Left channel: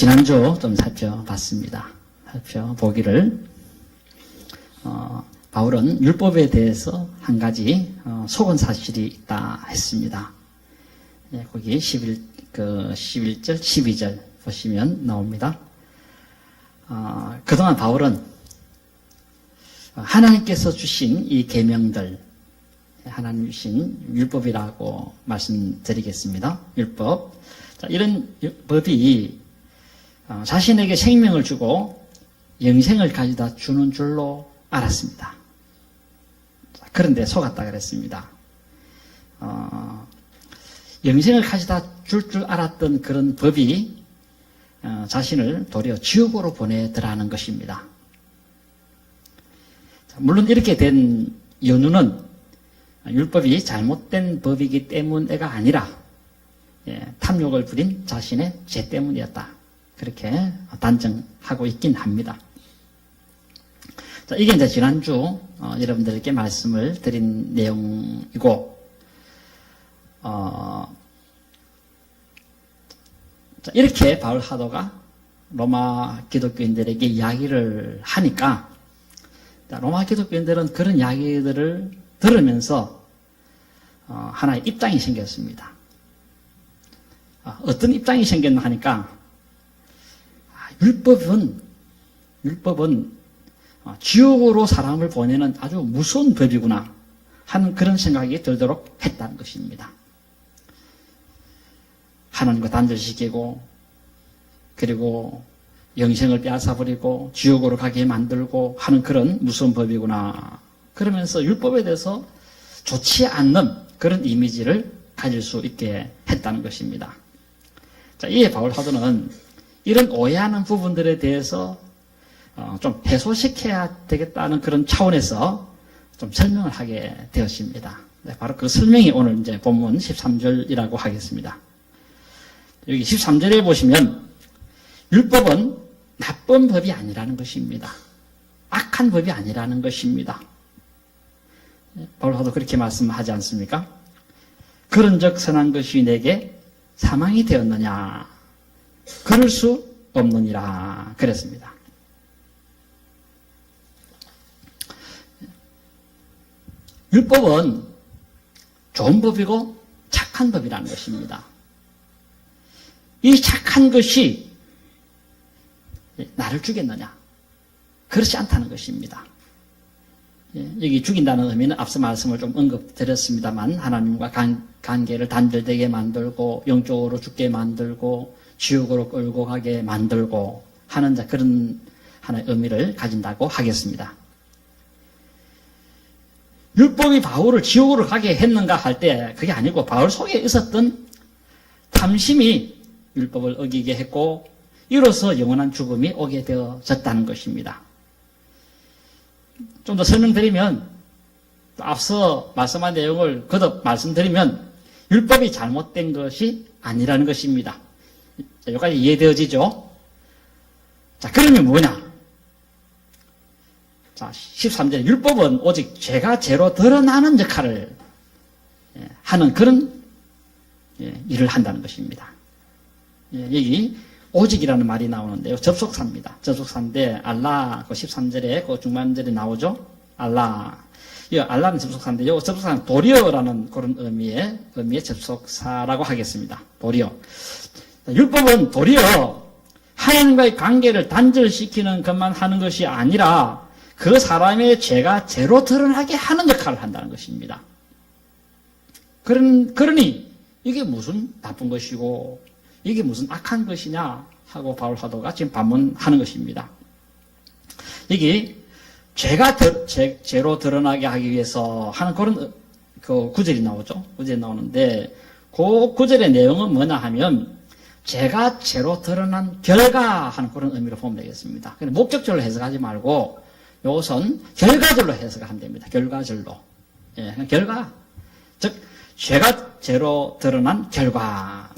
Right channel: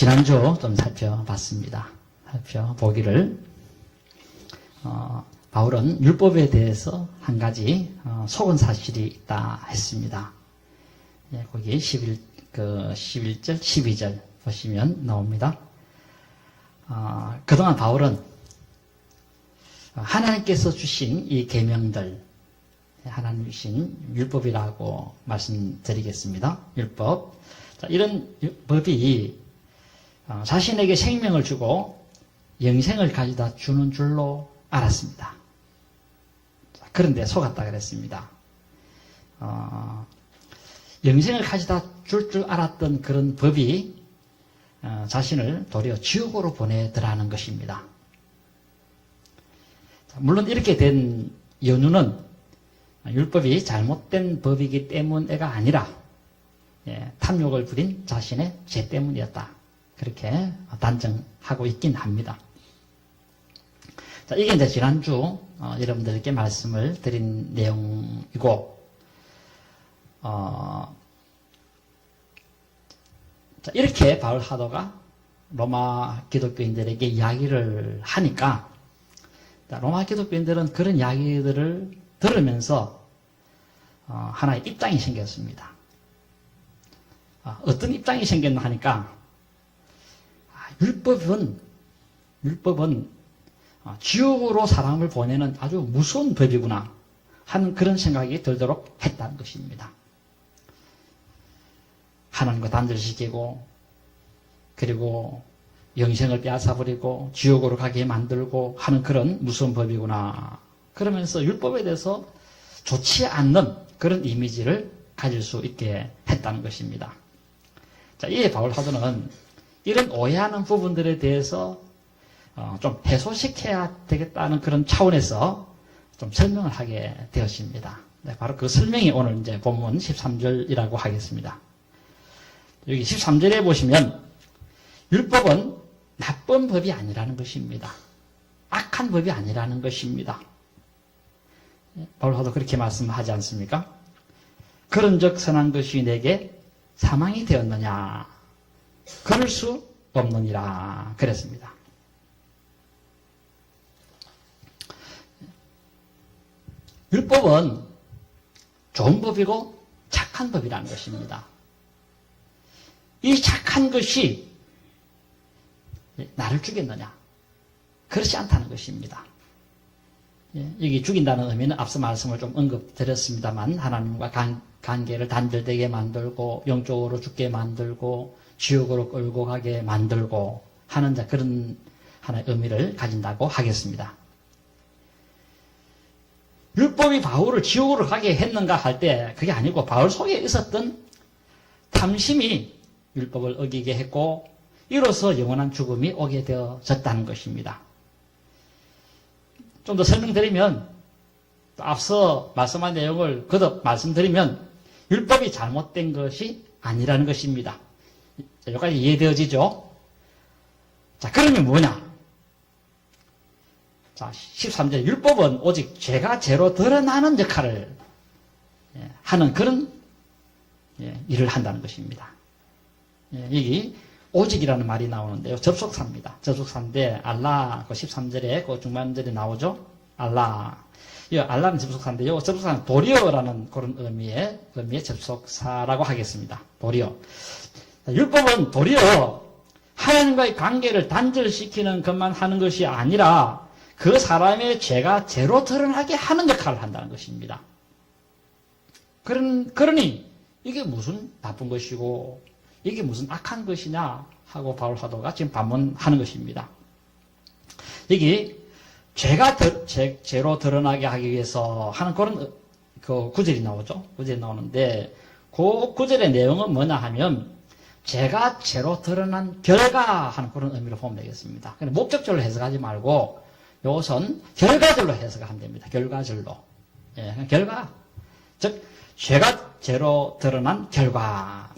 지난주 좀 살펴봤습니다. 살펴보기를 바울은 율법에 대해서 한 가지 속은 사실이 있다 했습니다. 거기 11절, 12절 보시면 나옵니다. 그동안 바울은 하나님께서 주신 이 계명들, 하나님 주신 율법이라고 말씀드리겠습니다. 율법. 자, 이런 법이 자신에게 생명을 주고 영생을 가져다 주는 줄로 알았습니다. 그런데 속았다 그랬습니다. 영생을 가져다 줄 알았던 그런 법이 자신을 도리어 지옥으로 보내더라는 것입니다. 물론 이렇게 된 연유는 율법이 잘못된 법이기 때문에가 아니라 탐욕을 부린 자신의 죄 때문이었다. 그렇게 단정하고 있긴 합니다. 자, 이게 이제 지난주 여러분들에게 말씀을 드린 내용이고, 자, 이렇게 바울 사도가 로마 기독교인들에게 이야기를 하니까, 자, 로마 기독교인들은 그런 이야기들을 들으면서 하나의 입장이 생겼습니다. 어떤 입장이 생겼나 하니까, 율법은 지옥으로 사람을 보내는 아주 무서운 법이구나 하는 그런 생각이 들도록 했다는 것입니다. 하나님과 단절시키고, 그리고 영생을 빼앗아버리고 지옥으로 가게 만들고 하는 그런 무서운 법이구나. 그러면서 율법에 대해서 좋지 않는 그런 이미지를 가질 수 있게 했다는 것입니다. 자, 이에 바울 사도는 이런 오해하는 부분들에 대해서 좀 해소시켜야 되겠다는 그런 차원에서 좀 설명을 하게 되었습니다. 네, 바로 그 설명이 오늘 이제 본문 13절이라고 하겠습니다. 여기 13절에 보시면 율법은 나쁜 법이 아니라는 것입니다. 악한 법이 아니라는 것입니다. 바울 사도 그렇게 말씀하지 않습니까? 그런즉 선한 것이 내게 사망이 되었느냐? 그럴 수 없느니라 그랬습니다. 율법은 좋은 법이고 착한 법이라는 것입니다. 이 착한 것이 나를 죽였느냐? 그렇지 않다는 것입니다. 여기 죽인다는 의미는 앞서 말씀을 좀 언급드렸습니다만 하나님과 관계를 단절되게 만들고 영적으로 죽게 만들고 지옥으로 끌고 가게 만들고 하는 그런 하나의 의미를 가진다고 하겠습니다. 율법이 바울을 지옥으로 가게 했는가 할 때 그게 아니고 바울 속에 있었던 탐심이 율법을 어기게 했고 이로써 영원한 죽음이 오게 되어졌다는 것입니다. 좀 더 설명드리면, 앞서 말씀한 내용을 거듭 말씀드리면 율법이 잘못된 것이 아니라는 것입니다. 여기까지 이해되어지죠? 자, 그러면 뭐냐? 자, 13절 율법은 오직 죄가 죄로 드러나는 역할을 하는 그런 일을 한다는 것입니다. 여기 오직이라는 말이 나오는데요. 접속사입니다. 접속사인데 알라 그 13절에 그 중반절에 나오죠. 알라. 이 알라는 접속사인데요. 접속사는 도리어라는 그런 의미의 접속사라고 하겠습니다. 도리어. 율법은 도리어 하나님과의 관계를 단절시키는 것만 하는 것이 아니라 그 사람의 죄가 죄로 드러나게 하는 역할을 한다는 것입니다. 그러니 이게 무슨 나쁜 것이고 이게 무슨 악한 것이냐 하고 바울 사도가 지금 반문하는 것입니다. 여기 죄가 죄로 드러나게 하기 위해서 하는 그런 그 구절이 나오죠. 구절이 나오는데 그 구절의 내용은 뭐냐 하면 죄가 죄로 드러난 결과 하는 그런 의미로 보면 되겠습니다. 목적절로 해석하지 말고 이것은 결과절로 해석하면 됩니다. 결과절로. 결과. 즉 죄가 죄로 드러난 결과.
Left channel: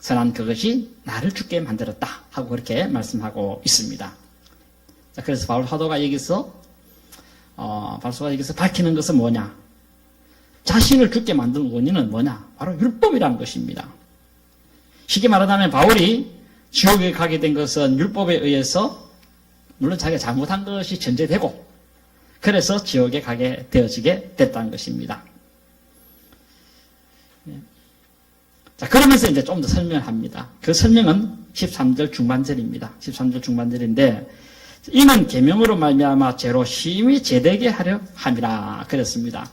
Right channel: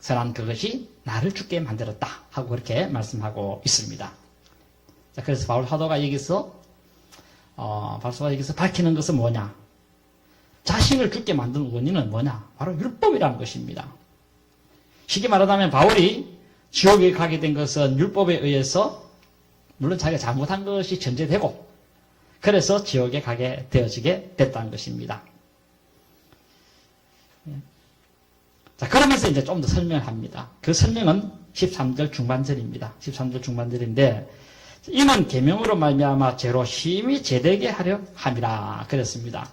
선한 그것이 나를 죽게 만들었다 하고 그렇게 말씀하고 있습니다. 자, 그래서 바울 사도가 여기서 밝히는 것은 뭐냐? 자신을 죽게 만든 원인은 뭐냐? 바로 율법이라는 것입니다. 쉽게 말하자면 바울이 지옥에 가게 된 것은 율법에 의해서 물론 자기가 잘못한 것이 전제되고 그래서 지옥에 가게 되어지게 됐다는 것입니다. 자, 그러면서 이제 좀 더 설명을 합니다. 그 설명은 13절 중반절입니다. 13절 중반절인데 이는 계명으로 말미암아 죄로 심히 제되게 하려 함이라 그랬습니다.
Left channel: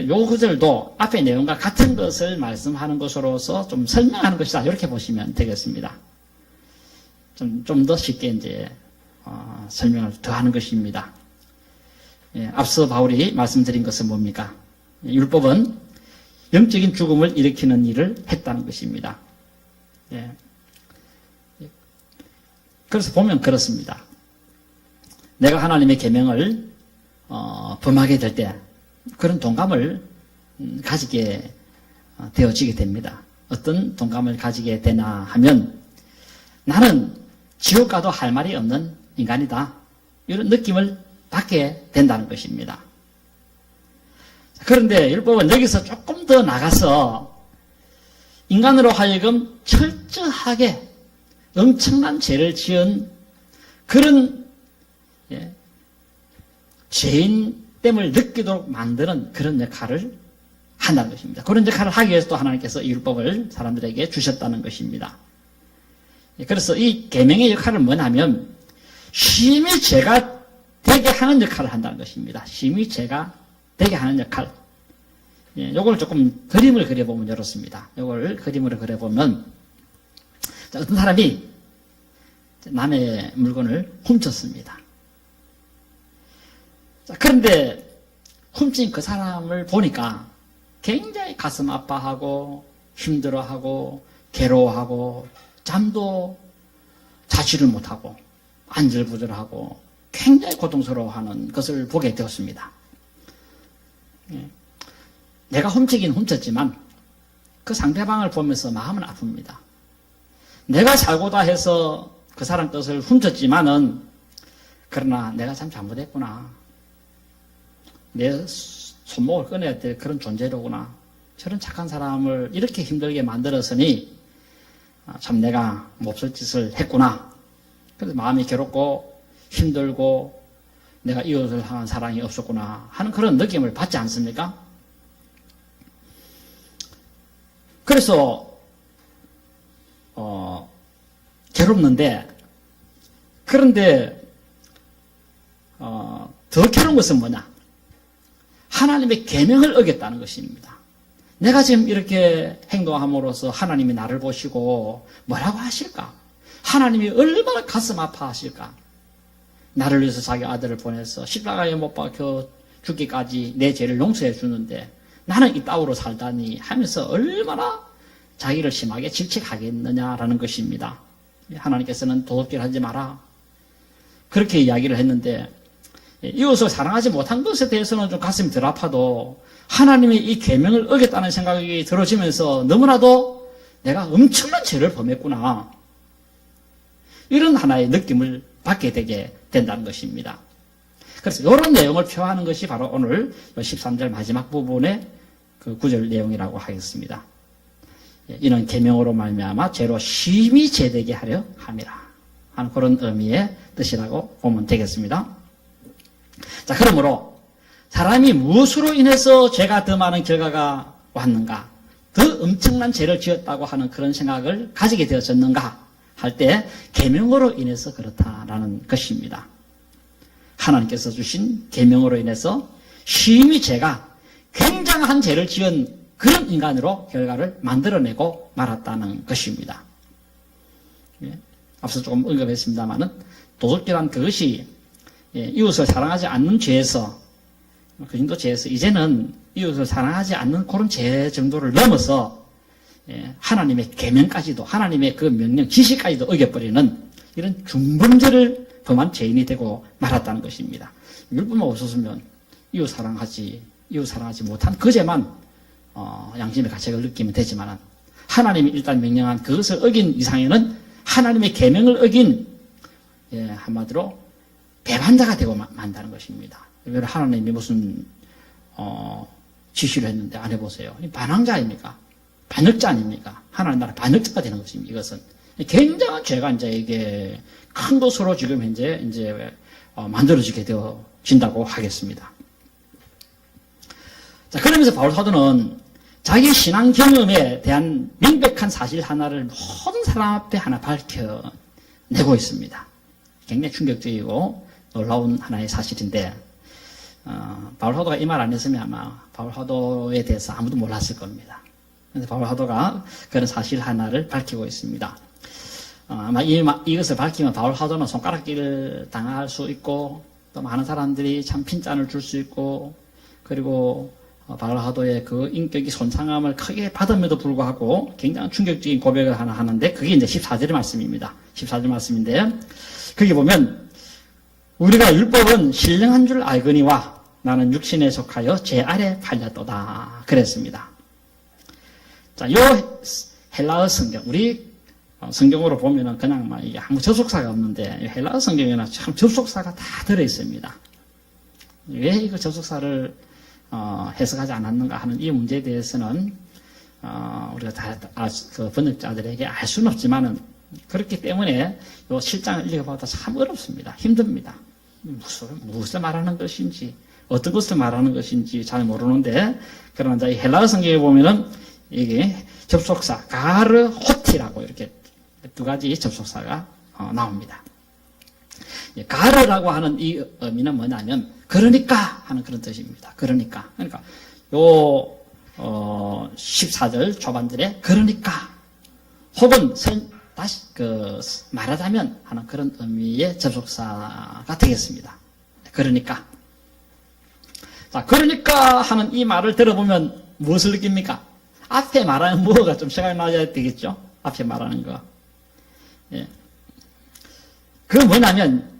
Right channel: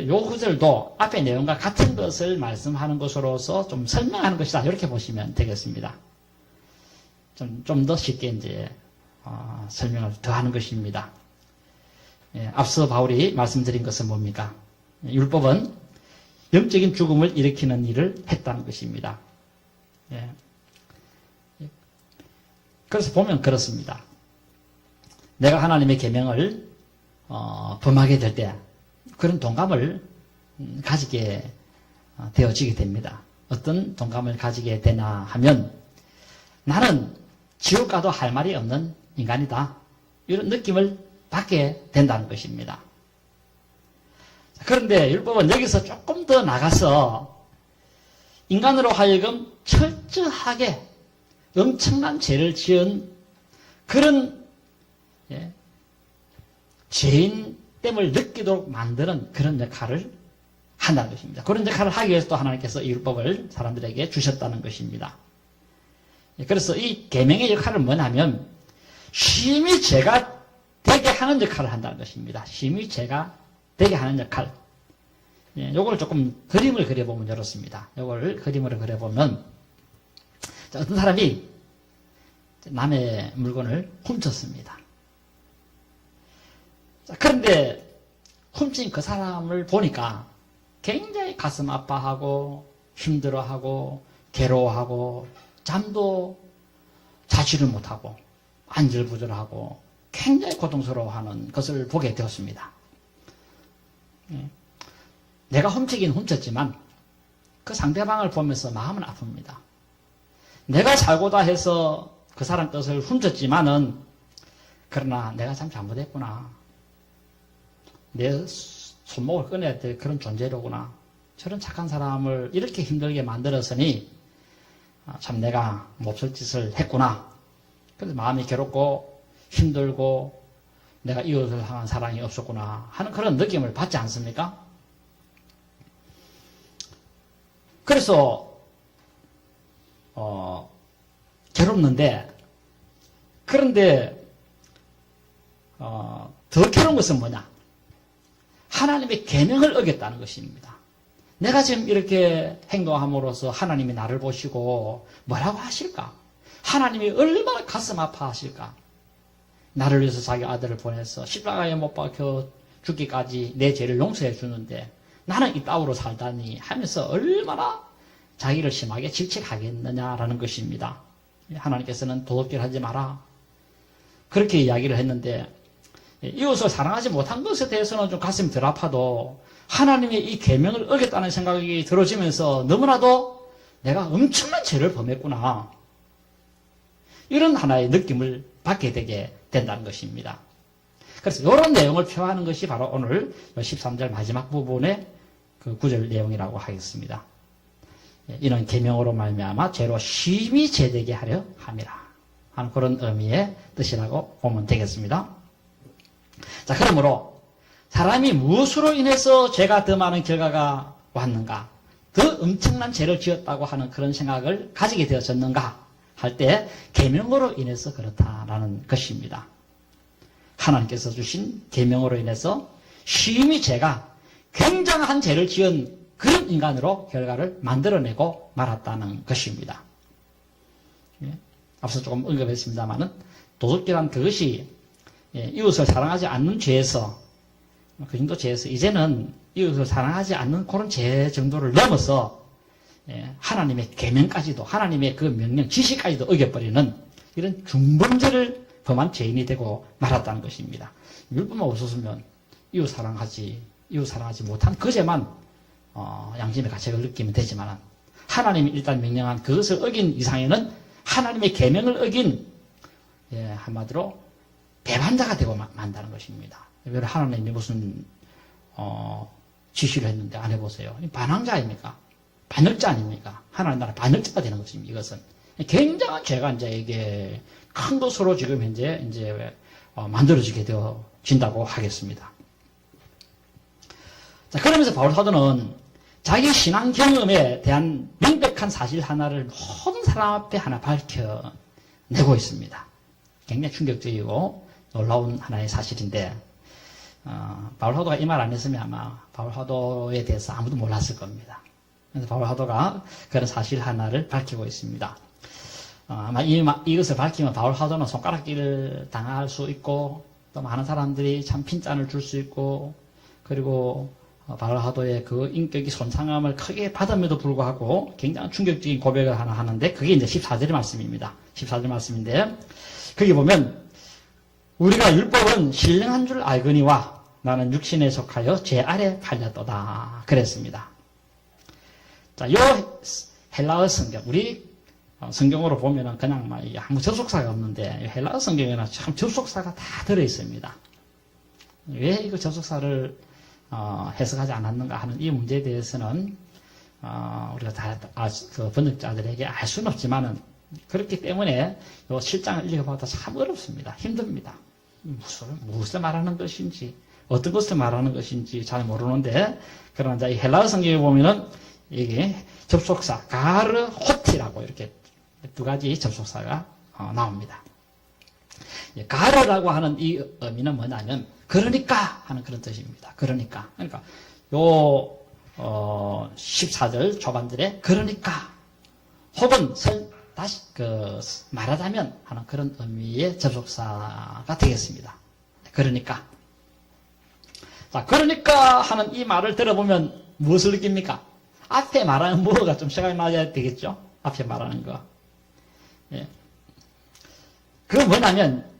요 구절도 앞의 내용과 같은 것을 말씀하는 것으로서 좀 설명하는 것이다. 이렇게 보시면 되겠습니다. 좀 더 쉽게 이제 설명을 더 하는 것입니다. 예, 앞서 바울이 말씀드린 것은 뭡니까? 율법은 영적인 죽음을 일으키는 일을 했다는 것입니다. 예. 그래서 보면 그렇습니다. 내가 하나님의 계명을 범하게 될 때 그런 동감을 가지게 되어지게 됩니다. 어떤 동감을 가지게 되나 하면 나는 지옥 가도 할 말이 없는 인간이다. 이런 느낌을 받게 된다는 것입니다. 그런데 율법은 여기서 조금 더 나가서 인간으로 하여금 철저하게 엄청난 죄를 지은 그런 죄인됨을 느끼도록 만드는 그런 역할을 한다는 것입니다. 그런 역할을 하기 위해서 또 하나님께서 이 율법을 사람들에게 주셨다는 것입니다. 그래서 이 계명의 역할은 뭐냐면 심히 죄가 되게 하는 역할을 한다는 것입니다. 심히 죄가 되게 하는 역할. 요걸 조금 그림을 그려보면 이렇습니다. 요걸 그림으로 그려보면 어떤 사람이 남의 물건을 훔쳤습니다. 그런데 훔친 그 사람을 보니까 굉장히 가슴 아파하고 힘들어하고 괴로워하고 잠도 자지를 못하고 안절부절하고 굉장히 고통스러워하는 것을 보게 되었습니다. 내가 훔치긴 훔쳤지만 그 상대방을 보면서 마음은 아픕니다. 내가 잘고다 해서 그 사람 것을 훔쳤지만은 그러나 내가 참 잘못했구나. 내 손목을 꺼내야 될 그런 존재로구나. 저런 착한 사람을 이렇게 힘들게 만들었으니 참 내가 몹쓸 짓을 했구나. 그래서 마음이 괴롭고 힘들고 내가 이웃을 향한 사랑이 없었구나 하는 그런 느낌을 받지 않습니까? 그래서 괴롭는데 그런데 더 괴로운 것은 뭐냐? 하나님의 계명을 어겼다는 것입니다. 내가 지금 이렇게 행동함으로써 하나님이 나를 보시고 뭐라고 하실까? 하나님이 얼마나 가슴 아파하실까? 나를 위해서 자기 아들을 보내서 십자가에 못 박혀 죽기까지 내 죄를 용서해 주는데 나는 이따위로 살다니 하면서 얼마나 자기를 심하게 질책하겠느냐라는 것입니다. 하나님께서는 도둑질 하지 마라. 그렇게 이야기를 했는데 이웃을 사랑하지 못한 것에 대해서는 좀 가슴이 덜 아파도 하나님의 이 계명을 어겼다는 생각이 들어지면서 너무나도 내가 엄청난 죄를 범했구나. 이런 하나의 느낌을 받게 되게 된다는 것입니다. 그래서 이런 내용을 표하는 것이 바로 오늘 13절 마지막 부분의 그 구절 내용이라고 하겠습니다. 이는 계명으로 말미암아 죄로 심히 제되게 하려 함이라 하는 그런 의미의 뜻이라고 보면 되겠습니다. 자, 그러므로 사람이 무엇으로 인해서 죄가 더 많은 결과가 왔는가, 더 엄청난 죄를 지었다고 하는 그런 생각을 가지게 되어졌는가 할 때 계명으로 인해서 그렇다라는 것입니다. 하나님께서 주신 계명으로 인해서 심히 죄가 굉장한 죄를 지은 그런 인간으로 결과를 만들어내고 말았다는 것입니다. 앞서 조금 언급했습니다마는 도둑질한 그것이 이웃을 사랑하지 않는 죄에서 그 정도 죄에서 이제는 이웃을 사랑하지 않는 그런 죄 정도를 넘어서 하나님의 계명까지도 하나님의 그 명령 지시까지도 어겨버리는 이런 중범죄를 범한 죄인이 되고 말았다는 것입니다. 율법만 없었으면 이웃 사랑하지 못한 그 죄만 양심의 가책을 느끼면 되지만 하나님이 일단 명령한 그것을 어긴 이상에는 하나님의 계명을 어긴 한마디로 배반자가 되고 만다는 것입니다. 하나님이 무슨 지시를 했는데 안 해보세요. 반항자 아닙니까? 반역자 아닙니까? 하나님 나라 반역자가 되는 것입니다. 이것은 굉장한 죄가 이제 이게 큰 것으로 지금 현재 이제 만들어지게 되어진다고 하겠습니다. 자, 그러면서 바울 사도는 자기 신앙 경험에 대한 명백한 사실 하나를 모든 사람 앞에 하나 밝혀내고 있습니다. 굉장히 충격적이고 놀라운 하나의 사실인데, 바울 사도가 이 말 안 했으면 아마 바울 사도에 대해서 아무도 몰랐을 겁니다. 그래서 바울 사도가 그런 사실 하나를 밝히고 있습니다. 아마 이것을 밝히면 바울 사도는 손가락질을 당할 수 있고, 또 많은 사람들이 참 핀잔을 줄 수 있고, 그리고 바울 사도의 그 인격이 손상함을 크게 받음에도 불구하고 굉장히 충격적인 고백을 하나 하는데, 그게 이제 14절의 말씀입니다. 14절 말씀인데, 거기 보면 우리가 율법은 신령한 줄 알거니와 나는 육신에 속하여 죄 아래 팔렸도다 그랬습니다. 자, 요 헬라어 성경, 우리 성경으로 보면은 그냥 막 아무 접속사가 없는데, 헬라어 성경에는 참 접속사가 다 들어있습니다. 왜 이거 접속사를 해석하지 않았는가 하는 이 문제에 대해서는 우리가 다 그 번역자들에게 알 수는 없지만은, 그렇기 때문에 요 실장을 읽어봐도 참 어렵습니다. 힘듭니다. 무엇을 말하는 것인지, 어떤 것을 말하는 것인지 잘 모르는데, 그러나 이 헬라어 성경에 보면은 이게 접속사 가르 호티라고 이렇게 두 가지 접속사가 나옵니다. 가르라고 하는 이 의미는 뭐냐면 그러니까 하는 그런 뜻입니다. 그러니까 요 14절 초반절에 그러니까 혹은 다시 말하자면 하는 그런 의미의 접속사가 되겠습니다. 그러니까. 자, 그러니까 하는 이 말을 들어보면 무엇을 느낍니까? 앞에 말하는 뭐가 좀 생각나야 되겠죠? 앞에 말하는 거. 예. 그건 뭐냐면,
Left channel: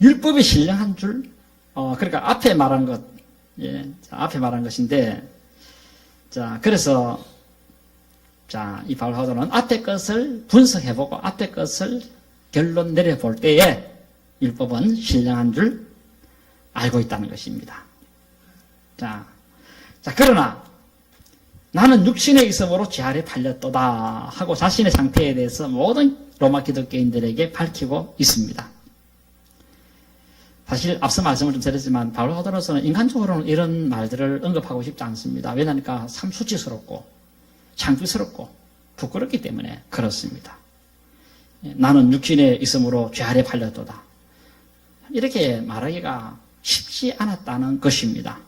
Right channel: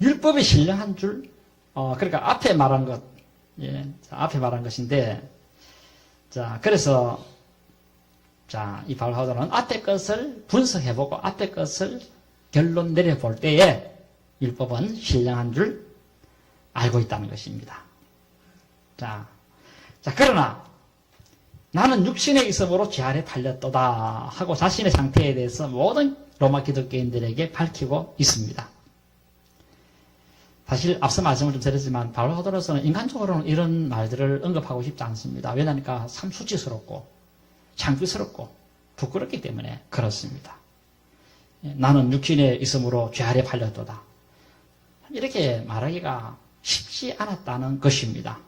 율법이 신령한 줄, 그러니까 앞에 말한 것, 예. 자, 앞에 말한 것인데, 자, 그래서, 자, 이 바울 사도는 앞에 것을 분석해보고 앞에 것을 결론 내려볼 때에 율법은 신령한 줄 알고 있다는 것입니다. 자, 그러나 나는 육신에 있음으로 죄 아래 팔렸도다 하고 자신의 상태에 대해서 모든 로마 기독교인들에게 밝히고 있습니다. 사실 앞서 말씀을 좀 드렸지만 바울 사도로서는 인간적으로는 이런 말들을 언급하고 싶지 않습니다. 왜냐하니까 참 수치스럽고 창피스럽고 부끄럽기 때문에 그렇습니다. 나는 육신에 있음으로 죄 아래 팔렸도다. 이렇게 말하기가 쉽지 않았다는 것입니다.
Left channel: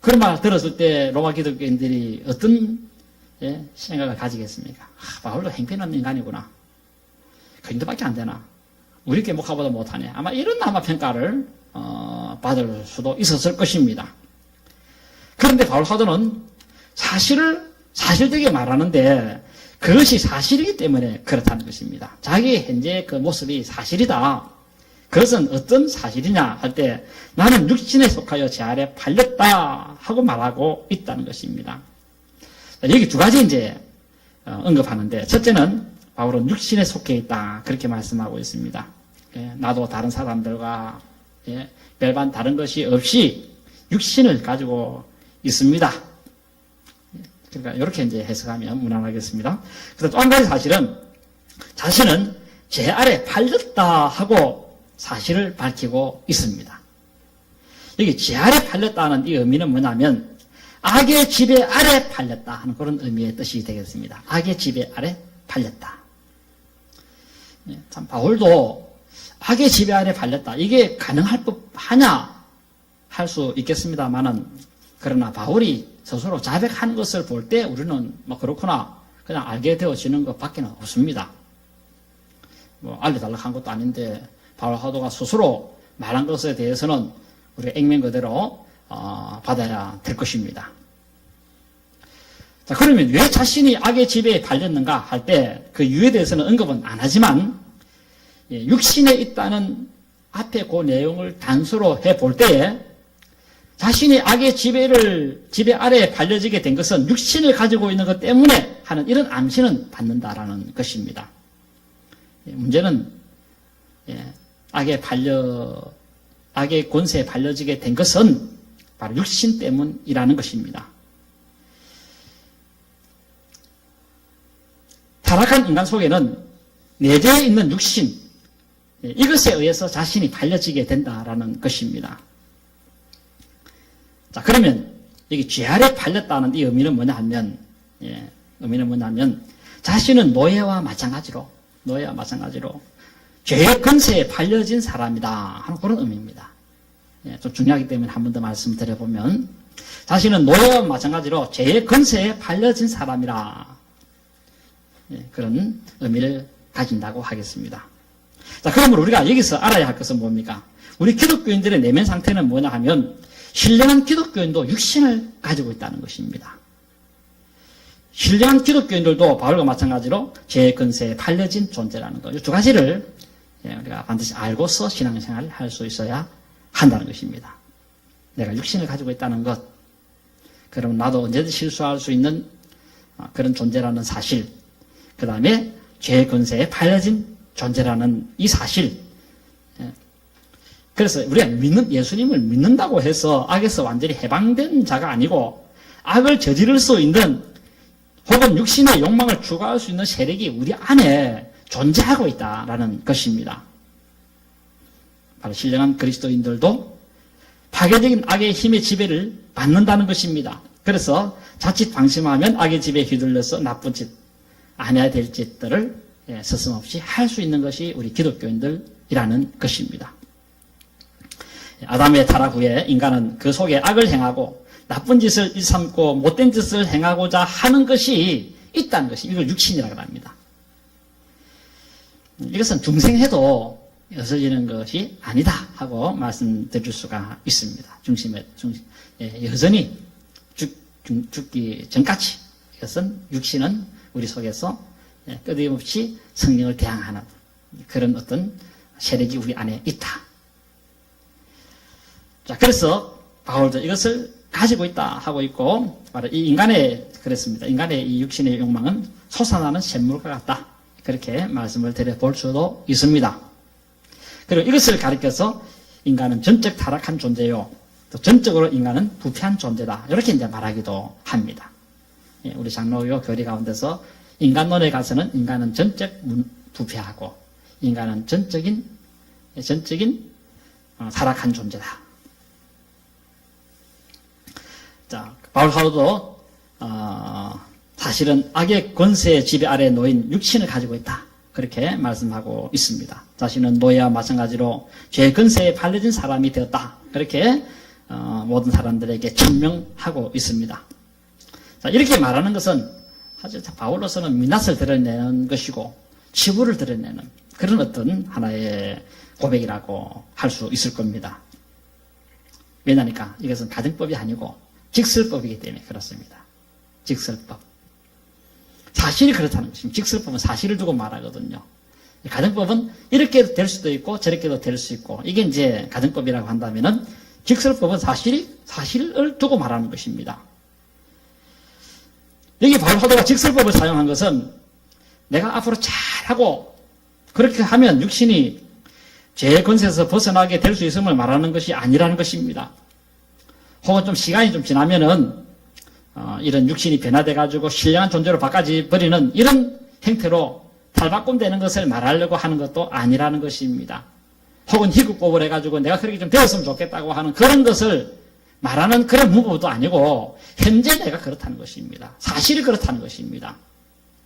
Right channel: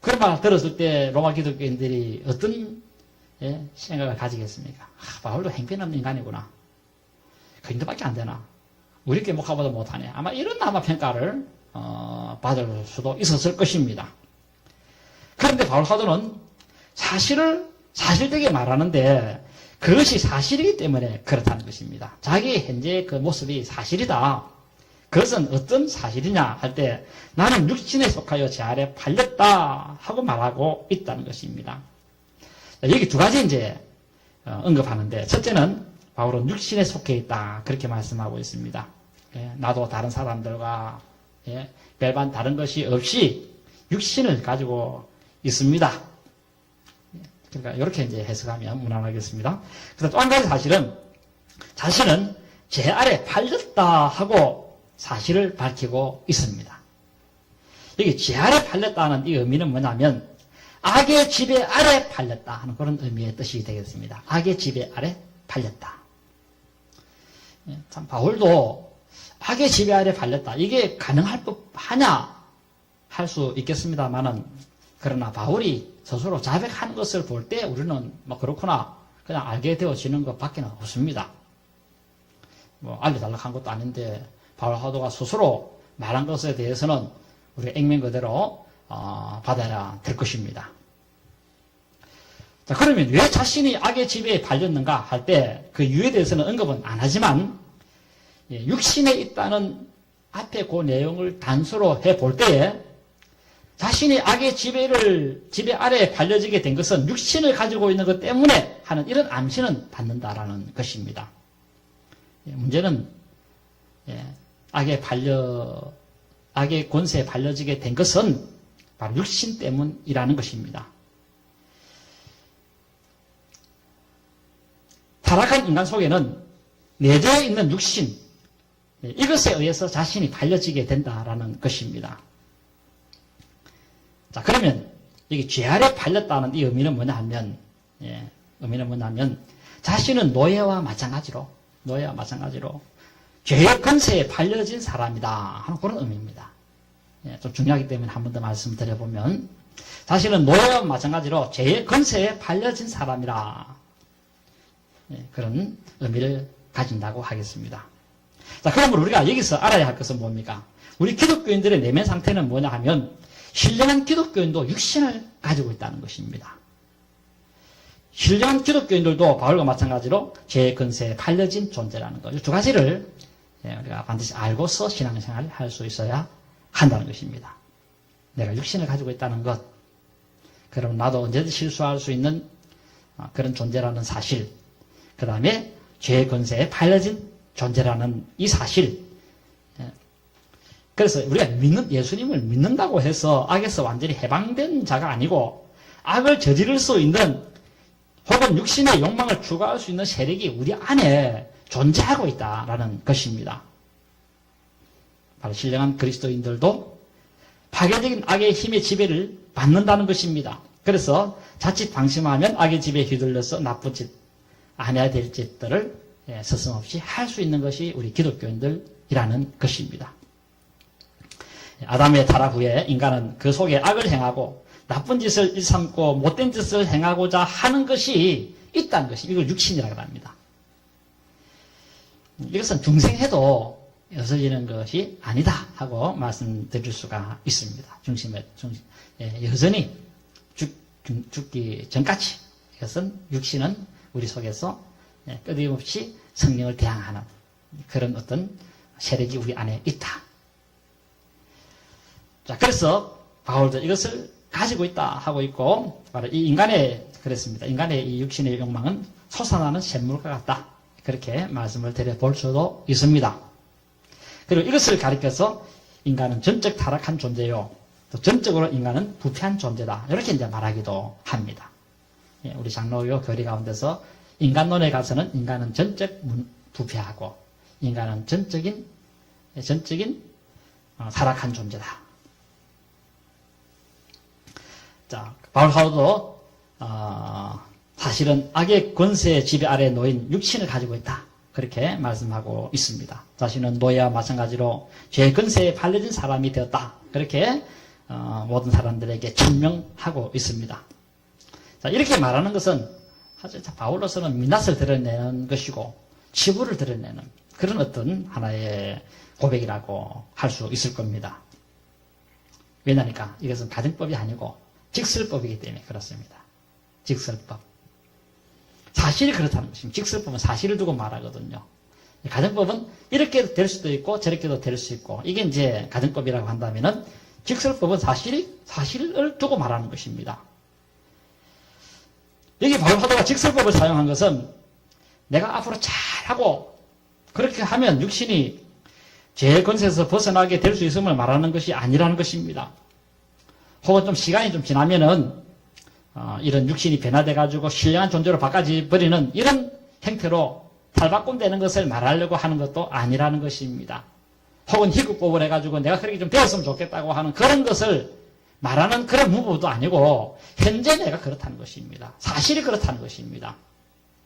그런 말 들었을 때 로마 기독교인들이 어떤 생각을 가지겠습니까? 바울도 행편없는 인간이구나. 그 정도밖에 안 되나? 우리 꾀목하보다 못하네. 아마 이런 평가를 받을 수도 있었을 것입니다. 그런데 바울 사도는 사실을 사실되게 말하는데 그것이 사실이기 때문에 그렇다는 것입니다. 자기의 현재 그 모습이 사실이다. 그것은 어떤 사실이냐 할 때 나는 육신에 속하여 죄 아래 팔렸다 하고 말하고 있다는 것입니다. 여기 두 가지 이제 언급하는데, 첫째는 바울은 육신에 속해 있다 그렇게 말씀하고 있습니다. 나도 다른 사람들과 별반 다른 것이 없이 육신을 가지고 있습니다. 그러니까 이렇게 이제 해석하면 무난하겠습니다. 그래서 또 한 가지 사실은 자신은 죄 아래 팔렸다 하고 사실을 밝히고 있습니다. 여기 죄 아래 팔렸다는 이 의미는 뭐냐면 악의 지배 아래 팔렸다 하는 그런 의미의 뜻이 되겠습니다. 악의 지배 아래 팔렸다. 참 바울도 악의 지배 아래 팔렸다. 이게 가능할 법하냐 할 수 있겠습니다만은, 그러나 바울이 스스로 자백한 것을 볼 때 우리는 뭐 그렇구나 그냥 알게 되어지는 것밖에 없습니다. 뭐 알려달라고 한 것도 아닌데 바울 사도가 스스로 말한 것에 대해서는 우리가 액면 그대로 받아야 될 것입니다. 자, 그러면 왜 자신이 악의 지배에 팔렸는가 할 때 그 이유에 대해서는 언급은 안 하지만, 육신에 있다는 앞에 그 내용을 단서로 해볼 때에 자신이 악의 지배 아래에 팔려지게 된 것은 육신을 가지고 있는 것 때문에 하는 이런 암시는 받는다라는 것입니다. 문제는 악의 권세에 팔려지게 된 것은 바로 육신 때문이라는 것입니다. 타락한 인간 속에는 내재해 있는 육신, 이것에 의해서 자신이 팔려지게 된다라는 것입니다. 자, 그러면 여기 죄 아래 팔렸다는 이 의미는 뭐냐 하면, 의미는 뭐냐면 자신은 노예와 마찬가지로 죄의 근세에 팔려진 사람이다 하는 그런 의미입니다. 좀 중요하기 때문에 한 번 더 말씀드려보면 자신은 노예와 마찬가지로 죄의 근세에 팔려진 사람이라 그런 의미를 가진다고 하겠습니다. 자, 그러면 우리가 여기서 알아야 할 것은 뭡니까? 우리 기독교인들의 내면 상태는 뭐냐 하면 신령한 기독교인도 육신을 가지고 있다는 것입니다. 신령한 기독교인들도 바울과 마찬가지로 죄의 근세에 팔려진 존재라는 것. 이 두 가지를 우리가 반드시 알고서 신앙생활을 할 수 있어야 한다는 것입니다. 내가 육신을 가지고 있다는 것. 그럼 나도 언제든 실수할 수 있는 그런 존재라는 사실. 그 다음에 죄의 근세에 팔려진 존재라는 이 사실. 그래서 우리가 예수님을 믿는다고 해서 악에서 완전히 해방된 자가 아니고 악을 저지를 수 있는 혹은 육신의 욕망을 추구할 수 있는 세력이 우리 안에 존재하고 있다라는 것입니다. 바로 신령한 그리스도인들도 파괴적인 악의 힘의 지배를 받는다는 것입니다. 그래서 자칫 방심하면 악의 지배에 휘둘려서 나쁜 짓, 안 해야 될 짓들을 서슴없이 할 수 있는 것이 우리 기독교인들이라는 것입니다. 아담의 타락 후에 인간은 그 속에 악을 행하고 나쁜 짓을 일삼고 못된 짓을 행하고자 하는 것이 있다는 것이 이걸 육신이라고 합니다. 이것은 중생해도 없어지는 것이 아니다 하고 말씀드릴 수가 있습니다. 여전히 죽기 전까지 이것은 육신은 우리 속에서 끊임없이 성령을 대항하는 그런 어떤 세력이 우리 안에 있다. 자, 그래서 바울도 이것을 가지고 있다 하고 있고, 바로 이 그랬습니다. 인간의 이 육신의 욕망은 솟아나는 샘물과 같다. 그렇게 말씀을 드려볼 수도 있습니다. 그리고 이것을 가리켜서 인간은 전적 타락한 존재요. 또 전적으로 인간은 부패한 존재다. 이렇게 이제 말하기도 합니다. 우리 장로교 교리 가운데서 인간론에 가서는 인간은 전적 부패하고 인간은 전적인 타락한 존재다. 자, 바울 사도도 사실은 악의 권세의 지배 아래 놓인 육신을 가지고 있다. 그렇게 말씀하고 있습니다. 자신은 노예와 마찬가지로 죄의 권세에 팔려진 사람이 되었다. 그렇게 모든 사람들에게 증명하고 있습니다. 자, 이렇게 말하는 것은 사실 바울로서는 민낯을 드러내는 것이고 치부를 드러내는 그런 어떤 하나의 고백이라고 할 수 있을 겁니다. 왜냐니까 이것은 가정법이 아니고 직설법이기 때문에 그렇습니다. 직설법. 사실이 그렇다는 것입니다. 직설법은 사실을 두고 말하거든요. 가정법은 이렇게 될 수도 있고 저렇게도 될 수 있고 이게 이제 가정법이라고 한다면은 직설법은 사실을 두고 말하는 것입니다. 여기 바울 사도가 직설법을 사용한 것은 내가 앞으로 잘하고 그렇게 하면 육신이 죄의 권세에서 벗어나게 될 수 있음을 말하는 것이 아니라는 것입니다. 혹은 좀 시간이 좀 지나면은 이런 육신이 변화돼가지고 신령한 존재로 바꿔버리는 이런 형태로 탈바꿈되는 것을 말하려고 하는 것도 아니라는 것입니다. 혹은 희극법을 해가지고 내가 그렇게 좀 되었으면 좋겠다고 하는 그런 것을 말하는 그런 문법도 아니고 현재 내가 그렇다는 것입니다. 사실이 그렇다는 것입니다.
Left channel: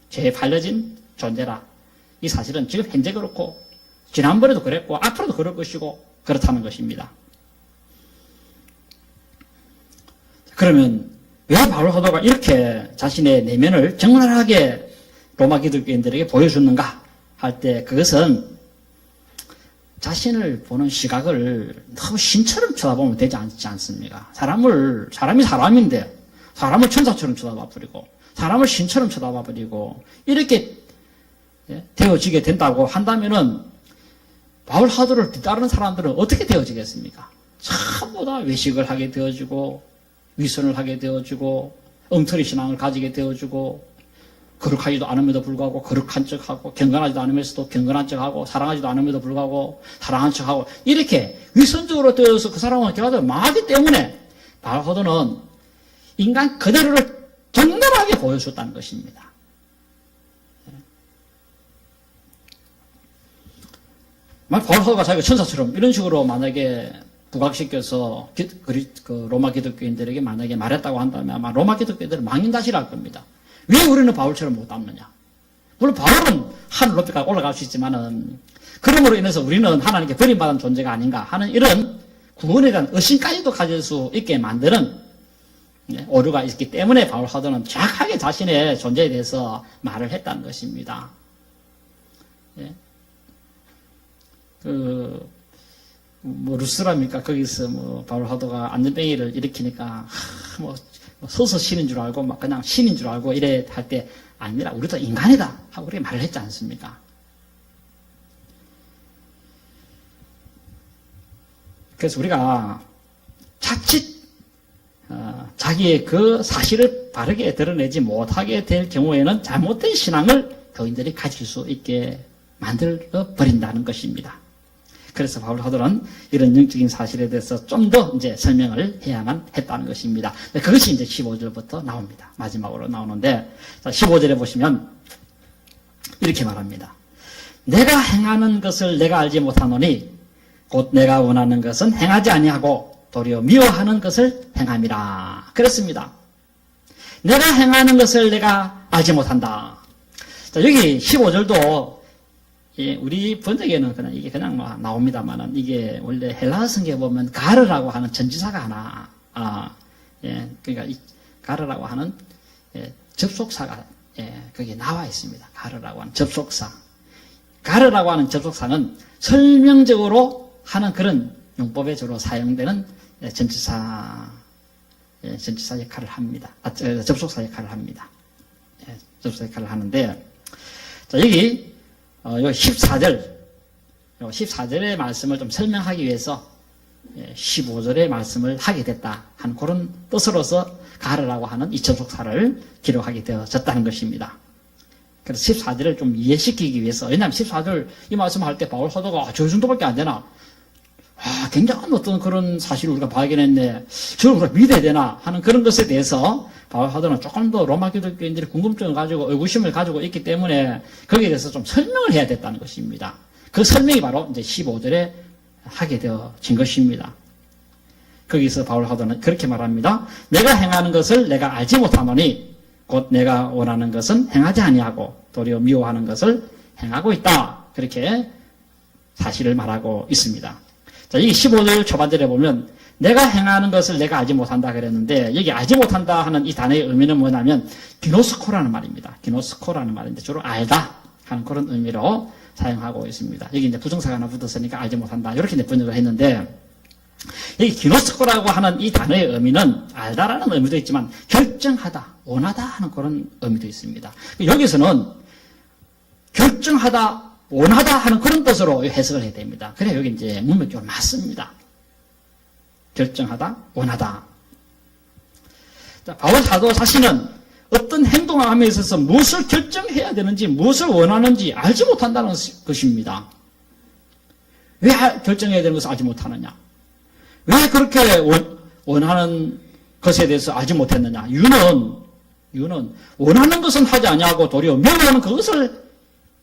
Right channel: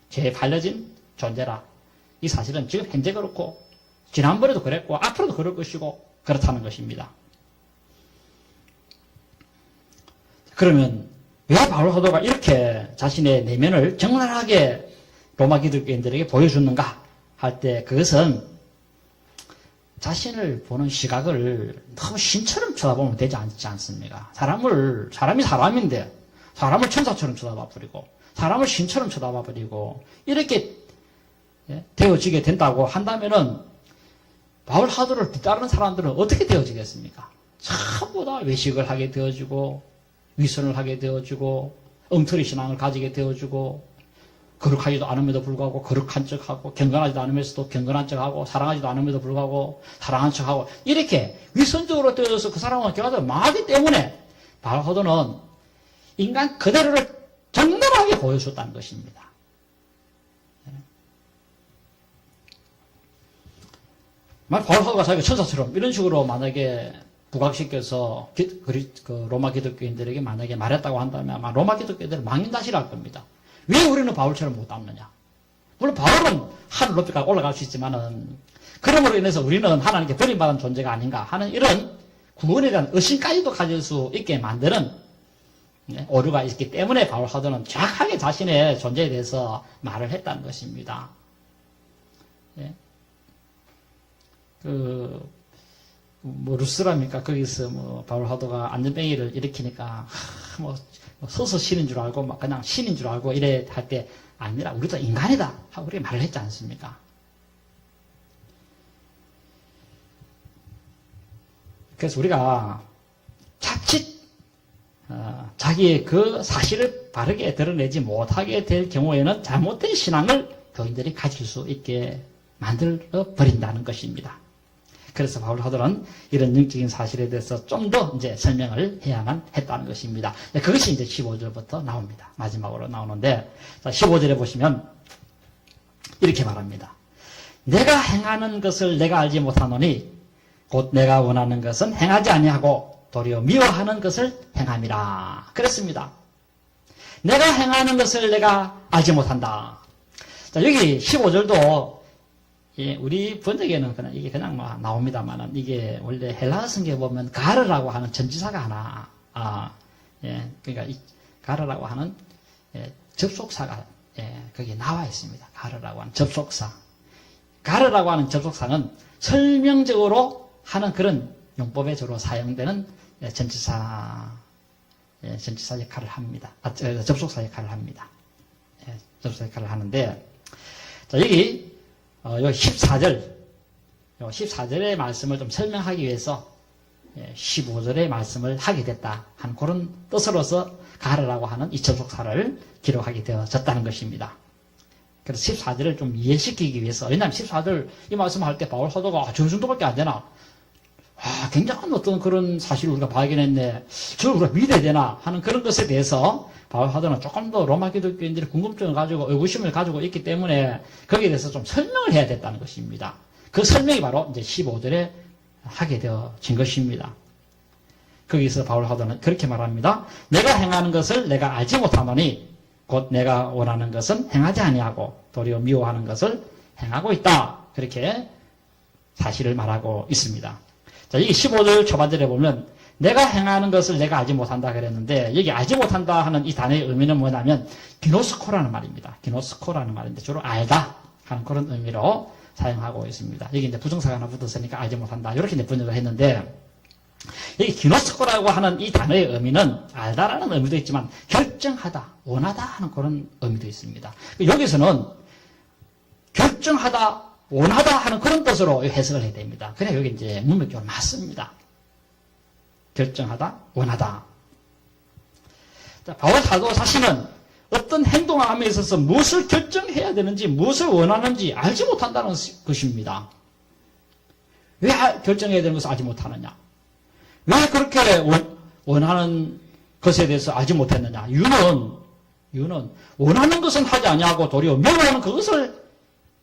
죄에 팔려진 존재라. 이 사실은 지금 현재 그렇고 지난번에도 그랬고 앞으로도 그럴 것이고 그렇다는 것입니다. 그러면 왜 바울 사도가 이렇게 자신의 내면을 적나라하게 로마 기독교인들에게 보여주는가 할 때 그것은 자신을 보는 시각을 너무 신처럼 쳐다보면 되지 않지 않습니까? 사람이 사람인데 사람을 천사처럼 쳐다봐 버리고 사람을 신처럼 쳐다봐 버리고 이렇게 되어지게 된다고 한다면은 바울 사도를 뒤따르는 사람들은 어떻게 되어지겠습니까? 전부 다 외식을 하게 되어지고 위선을 하게 되어지고 엉터리 신앙을 가지게 되어지고 거룩하지도 않음에도 불구하고 거룩한 척하고 경건하지도 않으면서도 경건한 척하고 사랑하지도 않음에도 불구하고 사랑한 척하고 이렇게 위선적으로 되어서 그 사람은 결과적으로 망하기 때문에 바울 사도는 인간 그대로를 적나라하게 보여줬다는 것입니다. 바울 사도가 자기가 천사처럼 이런 식으로 만약에 부각시켜서 그 로마 기독교인들에게 만약에 말했다고 한다면 아마 로마 기독교인들은 망인다시를 할 겁니다. 왜 우리는 바울처럼 못 담느냐? 물론 바울은 하늘 높이까지 올라갈 수 있지만은 그러므로 인해서 우리는 하나님께 버림받은 존재가 아닌가 하는 이런 구원에 대한 의심까지도 가질 수 있게 만드는 오류가 있기 때문에 바울 사도는 정확하게 자신의 존재에 대해서 말을 했다는 것입니다. 예. 루스라니까 거기서 바울 사도가 안전뱅이를 일으키니까 서서 신인 줄 알고 그냥 신인 줄 알고 이래 할 때 아니라 우리도 인간이다 하고 그렇게 말을 했지 않습니까? 그래서 우리가 자칫 자기의 그 사실을 바르게 드러내지 못하게 될 경우에는 잘못된 신앙을 교인들이 가질 수 있게 만들어 버린다는 것입니다. 그래서 바울 사도는 이런 영적인 사실에 대해서 좀 더 이제 설명을 해야만 했다는 것입니다. 그것이 이제 15절부터 나옵니다. 마지막으로 나오는데, 자, 15절에 보시면 이렇게 말합니다. 내가 행하는 것을 내가 알지 못하노니 곧 내가 원하는 것은 행하지 아니하고 도리어 미워하는 것을 행함이라. 그렇습니다. 내가 행하는 것을 내가 알지 못한다. 자, 여기 15절도 우리 번역에는 그냥 이게 그냥 나옵니다만은 이게 원래 헬라어 성경에 보면 가르라고 하는 전지사가 하나, 그러니까 이 가르라고 하는 접속사가 거기에 나와 있습니다. 가르라고 하는 접속사. 가르라고 하는 접속사는 설명적으로 하는 그런 용법에 주로 사용되는 전치사 역할을 합니다. 접속사 역할을 합니다. 접속사 역할을 하는데, 자, 여기 14절의 말씀을 좀 설명하기 위해서 15절의 말씀을 하게 됐다 한 그런 뜻으로서 가르라고 하는 이 접속사를 기록하게 되어졌다는 것입니다. 그래서 14절을 좀 이해시키기 위해서, 왜냐하면 14절 이 말씀할 때 바울 사도가 저 정도밖에 안 되나? 굉장한 어떤 그런 사실을 우리가 발견했네. 저를 우리가 믿어야 되나? 하는 그런 것에 대해서 바울 사도는 조금 더 로마 기독교인들이 궁금증을 가지고 의구심을 가지고 있기 때문에 거기에 대해서 좀 설명을 해야 됐다는 것입니다. 그 설명이 바로 이제 15절에 하게 되어진 것입니다. 거기서 바울 사도는 그렇게 말합니다. 내가 행하는 것을 내가 알지 못하노니 곧 내가 원하는 것은 행하지 아니하고 도리어 미워하는 것을 행하고 있다. 그렇게 사실을 말하고 있습니다. 자, 여기 15절 초반절에 보면 내가 행하는 것을 내가 알지 못한다 그랬는데, 여기 알지 못한다 하는 이 단어의 의미는 뭐냐면 기노스코라는 말입니다. 기노스코라는 말인데 주로 알다 하는 그런 의미로 사용하고 있습니다. 여기 이제 부정사가 하나 붙었으니까 알지 못한다 이렇게 이제 번역을 했는데, 여기 기노스코라고 하는 이 단어의 의미는 알다라는 의미도 있지만 결정하다, 원하다 하는 그런 의미도 있습니다. 여기서는 결정하다, 원하다 하는 그런 뜻으로 해석을 해야 됩니다. 그래 여기 이제 문맥적으로 맞습니다. 결정하다, 원하다. 자, 바울 사도 자신은 어떤 행동을 함에 있어서 무엇을 결정해야 되는지, 무엇을 원하는지 알지 못한다는 것입니다. 왜 결정해야 되는 것을 알지 못하느냐? 왜 그렇게 원하는 것에 대해서 알지 못했느냐? 이유는 원하는 것은 하지 아니하고 도리어 미워하는 그것을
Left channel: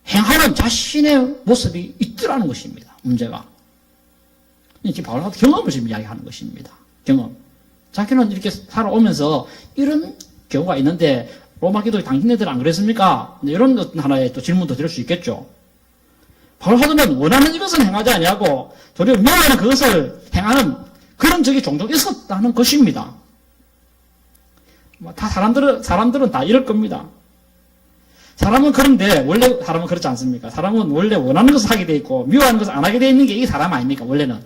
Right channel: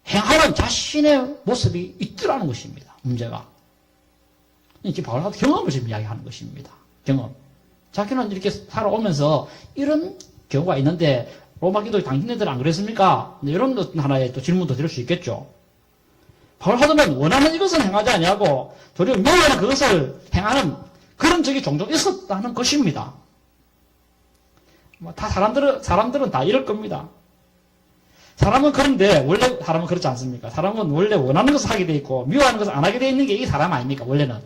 행하는 자신의 모습이 있더라는 것입니다. 문제가. 이게 바울 사도 경험을 지금 이야기하는 것입니다. 경험. 자기는 이렇게 살아오면서 이런 경우가 있는데 로마 기독교 당신네들 안 그랬습니까? 이런 하나의 또 질문도 드릴 수 있겠죠. 바울 사도는 원하는 이것은 행하지 아니하고 도리어 미워하는 그것을 행하는 그런 적이 종종 있었다는 것입니다. 다 사람들은 다 이럴 겁니다. 사람은 그런데 원래 사람은 그렇지 않습니까? 사람은 원래 원하는 것을 하게 돼 있고 미워하는 것을 안 하게 돼 있는 게 이 사람 아닙니까? 원래는.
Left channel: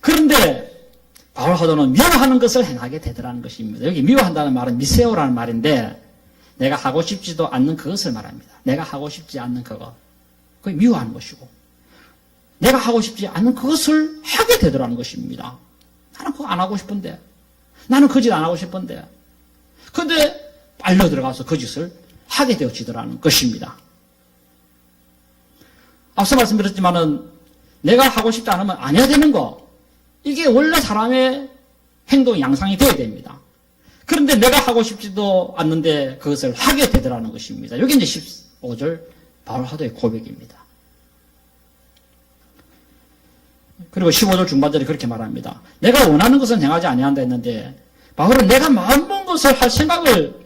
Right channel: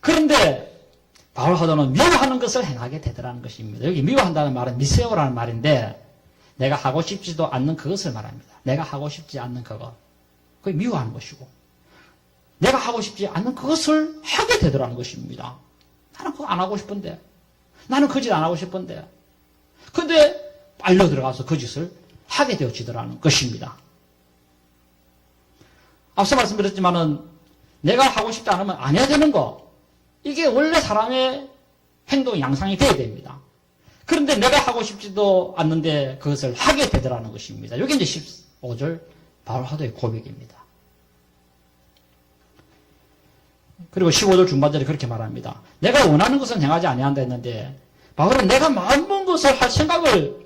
그런데 바울 사도는 미워하는 것을 행하게 되더라는 것입니다. 여기 미워한다는 말은 미세오라는 말인데 내가 하고 싶지도 않는 그것을 말합니다. 내가 하고 싶지 않는 그것. 그게 미워하는 것이고 내가 하고 싶지 않는 그것을 하게 되더라는 것입니다. 나는 그거 안 하고 싶은데, 나는 그 짓 안 하고 싶은데, 근데 빨려 들어가서 그 짓을 하게 되어지더라는 것입니다. 앞서 말씀드렸지만은 내가 하고 싶지 않으면 안 해야 되는 거, 이게 원래 사람의 행동 양상이 되어야 됩니다. 그런데 내가 하고 싶지도 않는데 그것을 하게 되더라는 것입니다. 여기 이제 15절 바울 사도의 고백입니다. 그리고 15절 중반절에 그렇게 말합니다. 내가 원하는 것은 행하지 아니한다 했는데 바울은 내가 마음먹은 것을 할 생각을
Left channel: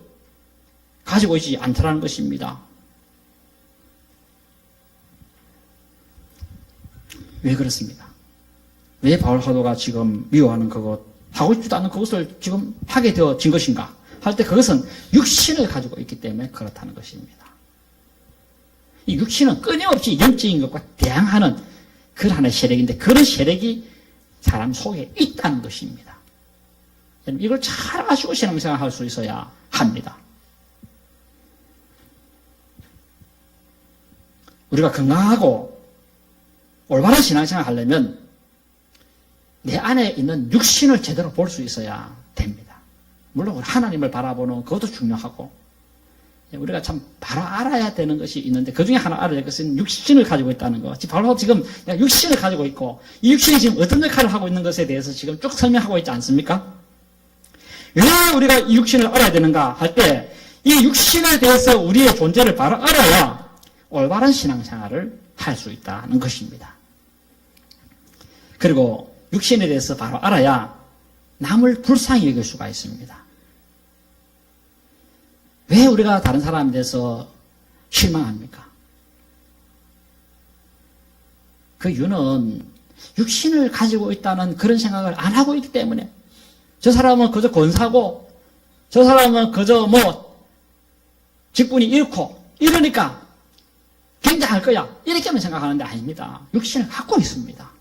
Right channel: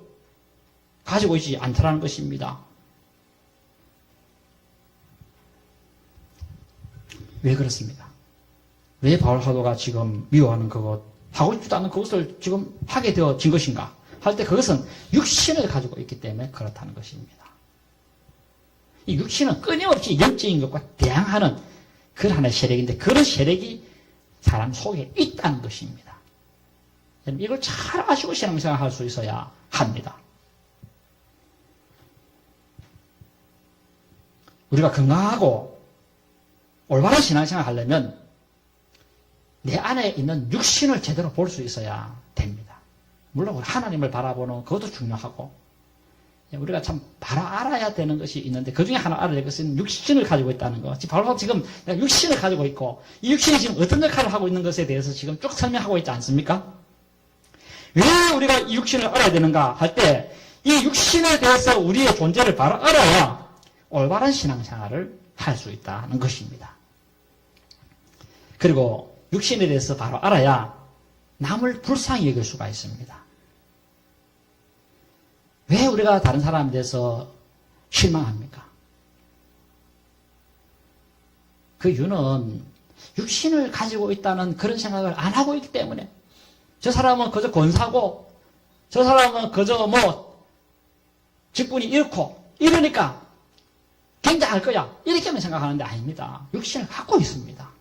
가지고 있지 않다라는 것입니다. 왜 그렇습니까? 왜 바울 사도가 지금 미워하는 그것, 하고 싶지도 않은 그것을 지금 하게 되어진 것인가? 할 때 그것은 육신을 가지고 있기 때문에 그렇다는 것입니다. 이 육신은 끊임없이 영적인 것과 대항하는 그런 하나의 세력인데 그런 세력이 사람 속에 있다는 것입니다. 이걸 잘 아시고 신앙생활 할 수 있어야 합니다. 우리가 건강하고 올바른 신앙생활 하려면 내 안에 있는 육신을 제대로 볼 수 있어야 됩니다. 물론 하나님을 바라보는 그것도 중요하고 우리가 참 바로 알아야 되는 것이 있는데 그 중에 하나 알아야 될 것은 육신을 가지고 있다는 것. 바로 지금 내가 육신을 가지고 있고 이 육신이 지금 어떤 역할을 하고 있는 것에 대해서 지금 쭉 설명하고 있지 않습니까? 왜 우리가 이 육신을 알아야 되는가 할 때 이 육신에 대해서 우리의 존재를 바로 알아야 올바른 신앙생활을 할 수 있다는 것입니다. 그리고 육신에 대해서 바로 알아야 남을 불쌍히 여길 수가 있습니다. 왜 우리가 다른 사람에 대해서 실망합니까? 그 이유는 육신을 가지고 있다는 그런 생각을 안 하고 있기 때문에 저 사람은 그저 권사고 저 사람은 그저 직분이 이렇고 이러니까 굉장할 거야 이렇게만 생각하는데 아닙니다. 육신을 갖고 있습니다.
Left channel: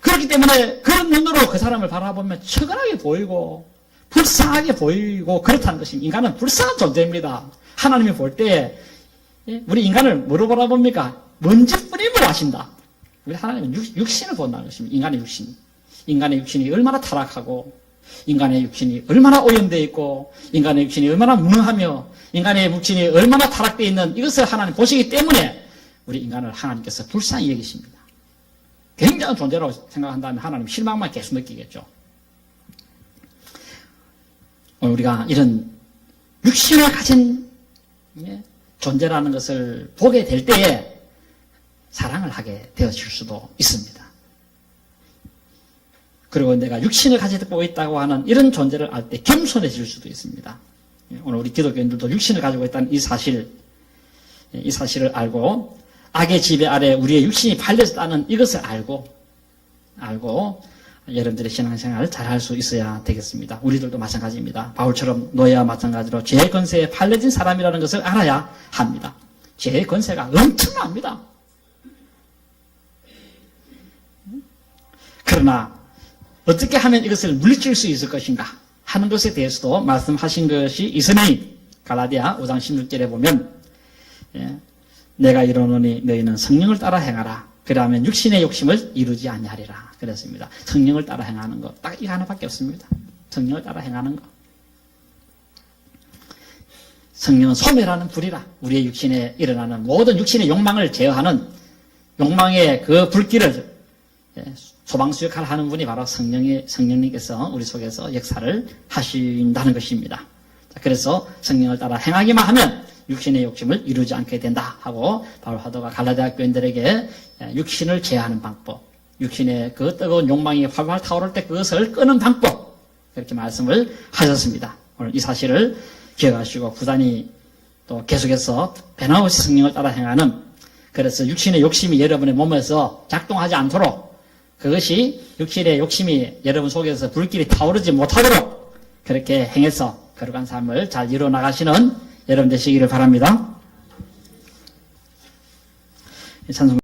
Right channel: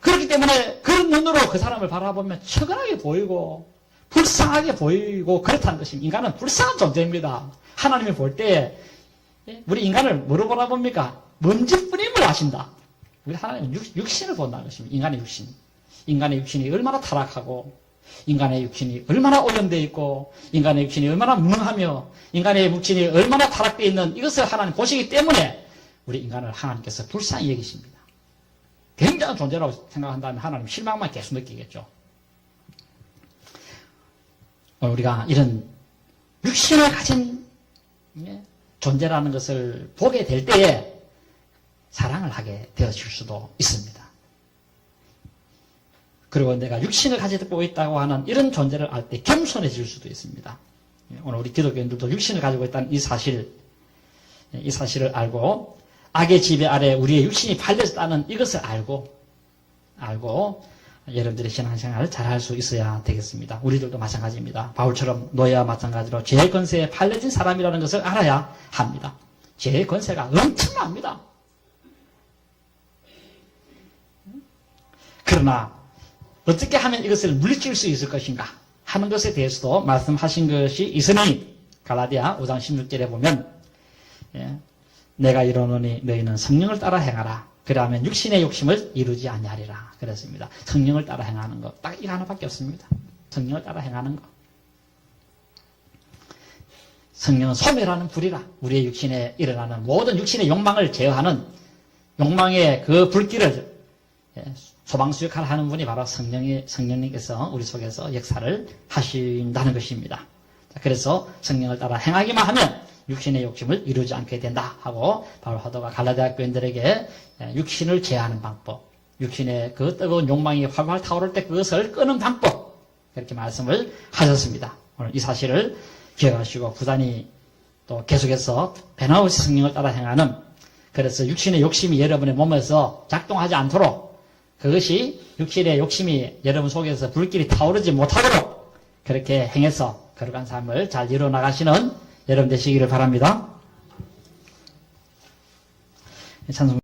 그렇기 때문에 그런 눈으로 그 사람을 바라보면 처근하게 보이고 불쌍하게 보이고 그렇다는 것입니다. 인간은 불쌍한 존재입니다. 하나님이 볼 때 우리 인간을 뭐로 바라봅니까? 먼지뿐임을 아신다. 우리 하나님은 육신을 본다는 것입니다. 인간의 육신. 인간의 육신이 얼마나 타락하고 인간의 육신이 얼마나 오염되어 있고 인간의 육신이 얼마나 무능하며 인간의 육신이 얼마나 타락되어 있는 이것을 하나님 보시기 때문에 우리 인간을 하나님께서 불쌍히 여기십니다. 굉장한 존재라고 생각한다면 하나님 실망만 계속 느끼겠죠. 우리가 이런 육신을 가진 존재라는 것을 보게 될 때에 사랑을 하게 되어질 수도 있습니다. 그리고 내가 육신을 가지고 있다고 하는 이런 존재를 알 때 겸손해질 수도 있습니다. 오늘 우리 기독교인들도 육신을 가지고 있다는 이 사실을 알고 악의 지배 아래 우리의 육신이 팔렸다는 이것을 알고 여러분들의 신앙생활을 잘 할 수 있어야 되겠습니다. 우리들도 마찬가지입니다. 바울처럼 노예와 마찬가지로 죄의 권세에 팔려진 사람이라는 것을 알아야 합니다. 죄의 권세가 엄청납니다. 그러나 어떻게 하면 이것을 물리칠 수 있을 것인가 하는 것에 대해서도 말씀하신 것이 있으니 갈라디아 5장 16절에 보면 내가 이르노니 너희는 성령을 따라 행하라. 그러면 육신의 욕심을 이루지 아니하리라. 그랬습니다. 성령을 따라 행하는 것. 딱 이거 하나밖에 없습니다. 성령을 따라 행하는 것. 성령은 소멸하는 불이라. 우리의 육신에 일어나는 모든 육신의 욕망을 제어하는 욕망의 그 불길을 소방수 역할을 하는 분이 바로 성령님께서 우리 속에서 역사를 하신다는 것입니다. 그래서 성령을 따라 행하기만 하면 육신의 욕심을 이루지 않게 된다 하고 바울 사도가 갈라디아 교인들에게 육신을 제어하는 방법, 육신의 그 뜨거운 욕망이 활활 타오를 때 그것을 끄는 방법, 그렇게 말씀을 하셨습니다. 오늘 이 사실을 기억하시고 부단히 또 계속해서 변함없이 성령을 따라 행하는, 그래서 육신의 욕심이 여러분의 몸에서 작동하지 않도록, 그것이 육신의 욕심이 여러분 속에서 불길이 타오르지 못하도록 그렇게 행해서 거룩한 삶을 잘 이루어 나가시는 여러분 되시기를 바랍니다. 찬송